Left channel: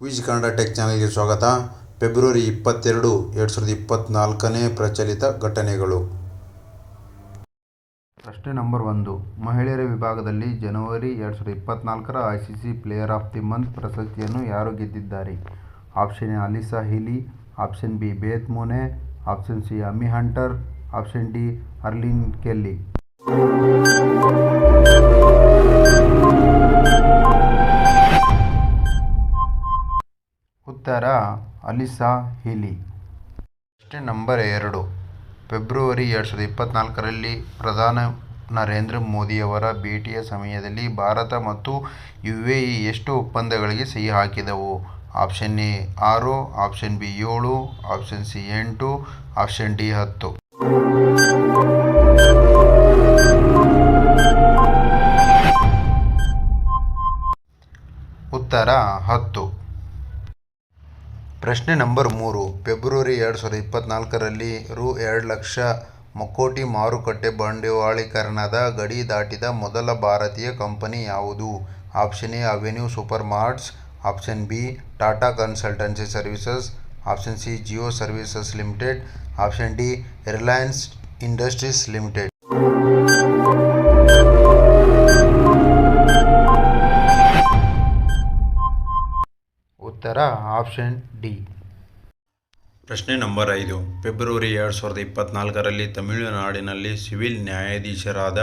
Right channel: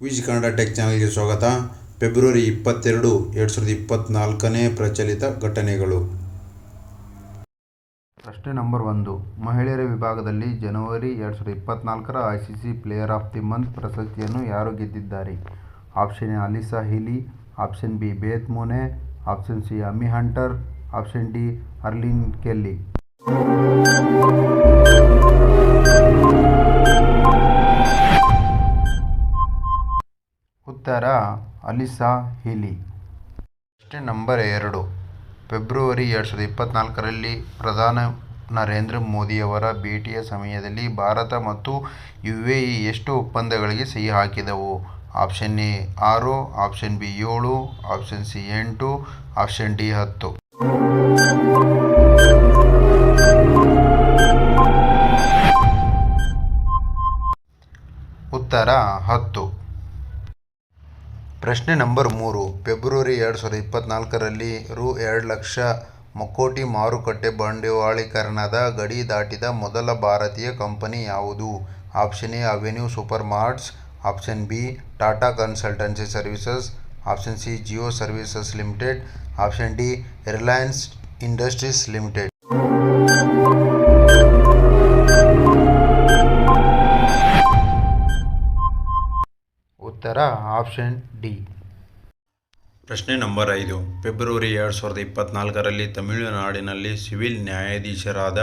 Quiz Kannada tech ಚಾನಲ್ಗೆ ಸ್ವಾಗತ. February ಇಪ್ಪತ್ತೆರಡು, ಎರಡು ಸಾವಿರದ ಇಪ್ಪತ್ತ್ನಾಲ್ಕನೇ ಪ್ರಚಲಿತ ಘಟನೆಗಳು. ಪ್ರಶ್ನೆ ನಂಬರ್ ಒಂದು. ಮಹಿಳೆಯರ ವಿಭಾಗದಲ್ಲಿ ಜನವರಿ ಎರಡು ಸಾವಿರದ ಇಪ್ಪತ್ತ್ನಾಲ್ಕರ I C C player of the month ಪ್ರಶಸ್ತಿಯನ್ನು ಯಾರು ಗೆದ್ದಿದ್ದಾರೆ? Option A Alyssa Healy, option B Beth Mooney, option C Amy Hunter, option D Arlene Kelly. ಉತ್ತರ ಅಲಿಸಾ ಹಿಲಿ. ಪ್ರಶ್ನೆ ನಂಬರ್ ಎರಡು. ಫೆಬ್ರವರಿ ಎರಡು ಸಾವಿರದ ಇಪ್ಪತ್ತ್ನಾಲ್ಕರಲ್ಲಿ ಪ್ರಧಾನ ನರೇಂದ್ರ ಮೋದಿಯವರ ಭೇಟಿಯ ಸಮಯದಲ್ಲಿ ಭಾರತ ಮತ್ತು ಯು ಎ ಇ ಎಷ್ಟು ಒಪ್ಪಂದಗಳಿಗೆ ಸಹಿ ಹಾಕಿದವು? ಆಪ್ಷನ್ ಎ ಆರು, ಆಪ್ಷನ್ ಬಿ ಏಳು, ಆಪ್ಷನ್ ಸಿ ಎಂಟು, ಆಪ್ಷನ್ ಡಿ ಹತ್ತು. ಉತ್ತರ ಹತ್ತು. ಪ್ರಶ್ನೆ ನಂಬರ್ ಮೂರು. ಫೆಬ್ರವರಿ ಎರಡು ಸಾವಿರದ ಇಪ್ಪತ್ತ್ನಾಲ್ಕರಲ್ಲಿ ರು ಎರಡು ಲಕ್ಷ ಮಕ್ಕೋಟಿ ಮಾರುಕಟ್ಟೆ ಬಂಡವಾಳೀಕರಣದ ಗಡಿ ದಾಟಿದ ಮೊದಲ ಭಾರತೀಯ ಕಂಪನಿ ಯಾವುದು? Option A, Avenue Supermarts option B, Tata Consultancy Services. Option C, Jio Services Limited. Option D, Reliance Industries Limited. ಉತ್ತರ ಆಪ್ಷನ್ ಡಿ. ಪ್ರಶ್ನೆ ನಂಬರ್ ಐದು. ಫೆಬ್ರವರಿ ಎರಡು ಸಾವಿರದ ಇಪ್ಪತ್ತ್ನಾಲ್ಕರಲ್ಲಿ ತಮಿಳುನಾಡಿನಲ್ಲಿ ಸಿವಿಲ್ ನ್ಯಾಯಾಧೀಶರಾದ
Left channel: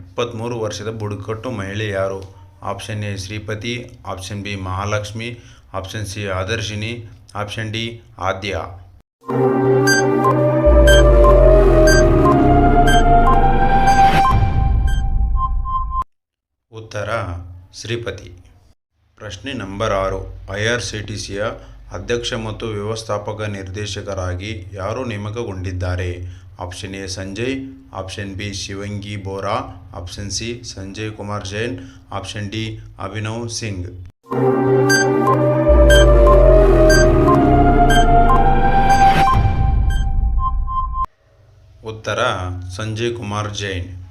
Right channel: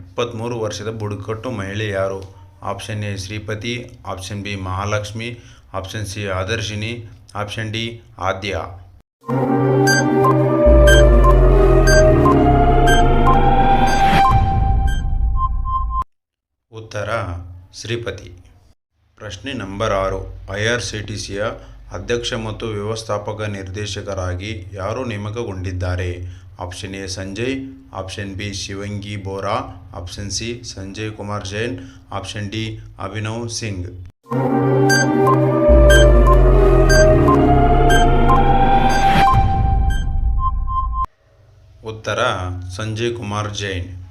ಇಪ್ಪತ್ತ್ಮೂರು ವರ್ಷದ ಬುಡಕಟ್ಟು ಮಹಿಳೆ ಯಾರು? Option A, Shripati. Option B, Mahalakshmi. Option C, Adarshini. Option D, Aadya. ಉತ್ತರ, ಶ್ರೀಪತಿ. ಪ್ರಶ್ನೆ ನಂಬರ್ ಆರು. ಐ ಆರ್ ಸಿ ಟಿ ಸಿಯ ಅಧ್ಯಕ್ಷ ಮತ್ತು ವ್ಯವಸ್ಥಾಪಕ ನಿರ್ದೇಶಕರಾಗಿ ಯಾರು ನೇಮಕಗೊಂಡಿದ್ದಾರೆ? Option A, Sanjay. Option B, Shivangi Bora. Option C, Sanjay Kumar Jain. Option D, Abhinav Singh. ಉತ್ತರ, ಸಂಜಯ್ ಕುಮಾರ್ ಜೈನ್.